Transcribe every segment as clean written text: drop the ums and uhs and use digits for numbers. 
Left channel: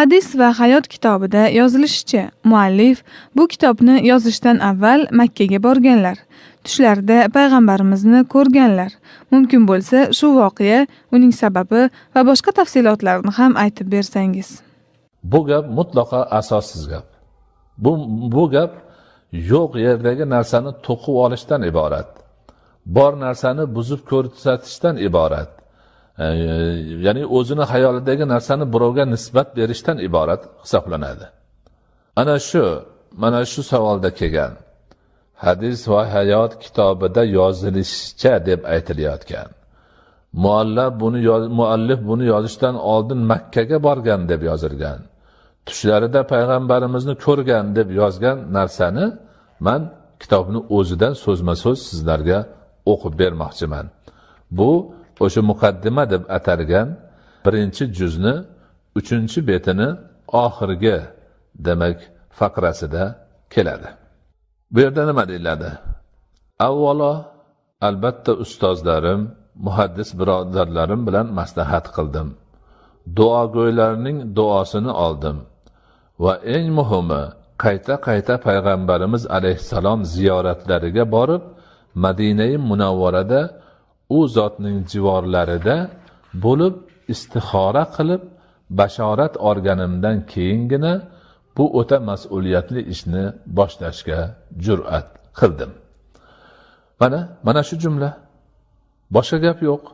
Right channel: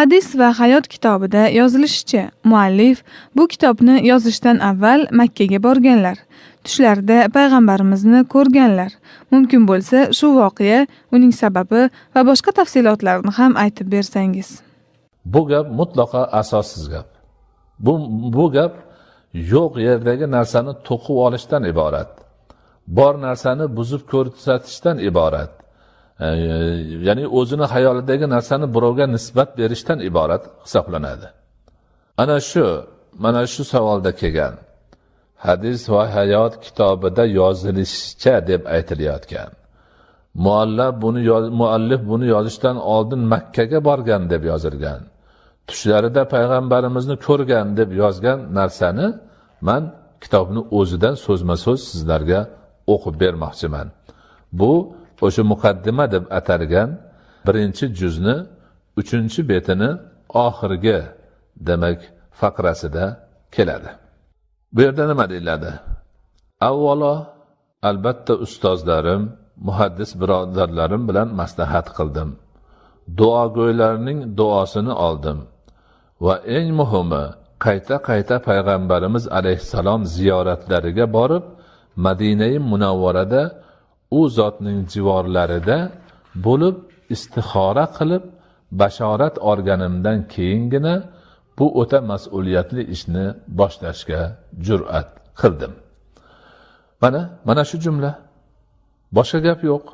Hadis va hayot kitobida yozilishicha, muallif bu kitobni yozishdan avval Makkaga borganlar. Tushlarida payg'ambarimizni ko'rganlar. Mumkin bo'lsa, shu voqea, uning sababi va boshqa tafsilotlarni ham aytib bersangiz. Bu gap mutlaqo asossiz gap. Bu gap yo'q yerdagi narsani to'qib olishdan iborat. Bor narsani buzib ko'rsatishdan iborat. Ya'ni o'zini hayolidagi narsani birovga nisbat berishdan iborat hisoblanadi. Mana shu savolda kelgan hadis va hayot kitobida yozilishicha deb aytilayotgan. Muallif buni yozishdan oldin Makkaga borgan deb yozilgan. Tushlarida payg'ambarimizni ko'rgan deb yozgan narsani men kitobni o'zidan so'zma-so'z sizlarga o'qib bermoqchiman. Bu o'sha muqaddima deb atalgan 1-juzni 3-betini oxirgi demak faqrasida keladi. Bu yerda nima deyiladi? Avvalo, albatta ustozlarim, muhaddis birodarlarim bilan maslahat qildim. Duogo'ylarning duosini oldim va eng muhimi, qayta payg'ambarimiz alayhissalom ziyoratlariga borib, Madina-i Munavvarada u zotning jivorlarida bo'lib istixora qilib bashorat olganimdan keyingina bu o'ta mas'uliyatli ishni boshlashga jur'at qildim. Mana shu jumla. Boshqa gap yo'q.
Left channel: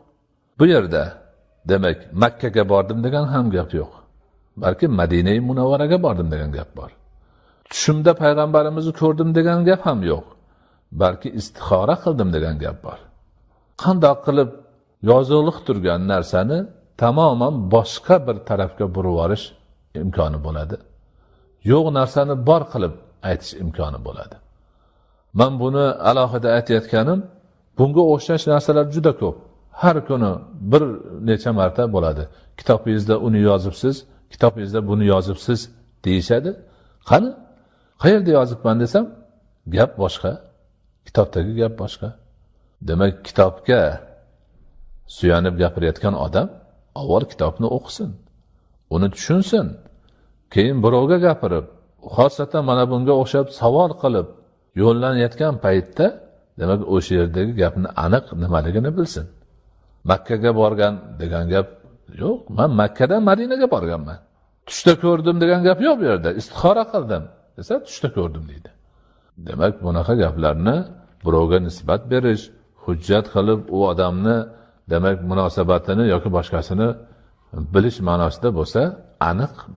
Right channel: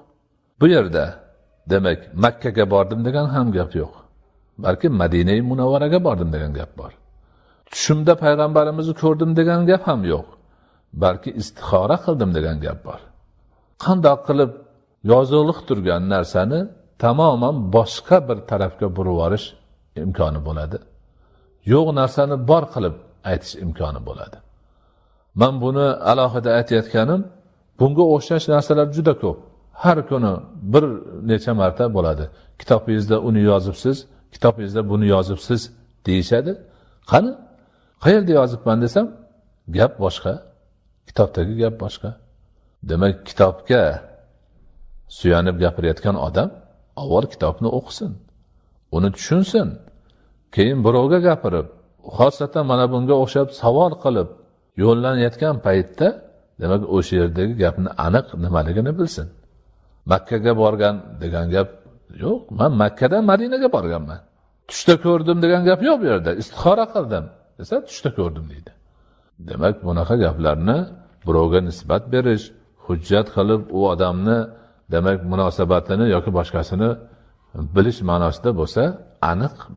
Bu yerda demak Makkaga bordim degan ham gap yo'q. Balki Madina-i Munavvaraga bordim degan gap bor. Tushimda payg'ambarimizni ko'rdim degan gap ham yo'q. Balki istixora qildim degan gap bor. Qandoq qilib yoziliq turgan narsani tamoman boshqa bir tarafga burib yuborish imkoni bo'ladi. Yo'q narsani bor qilib aytish imkoni bo'ladi. Men buni alohida aytayotganim, bunga o'xshash narsalar juda ko'p. Har kuni bir necha marta bo'ladi. Kitobingizda uni yozibsiz, kitobingizda buni yozibsiz deyishadi. Qani? Qayerda yozibman desam, gap boshqa. Kitobdagi gap boshqa. Demak, kitobga suyanib gapirayotgan odam avval kitobni o'qisin, uni tushunsin, keyin birovga gapirib, xosatan mana bunga o'xshab savol qilib yo'llanayotgan paytda, demak, o'sha yerdagi gapni aniq nimaligini bilsin. Makkaga borgan degan gap yo'q. Men Makkadan Madinaga borganman. Tushda ko'rdim degan gap yo'q bu yerda. Istixora qildim desa, tushda ko'rdim deydi. Demak, bunaqa gaplarni birovga nisbat berish, hujjat qilib u odamni demak munosabatini yoki boshqasini bilish ma'nosida bo'lsa, aniq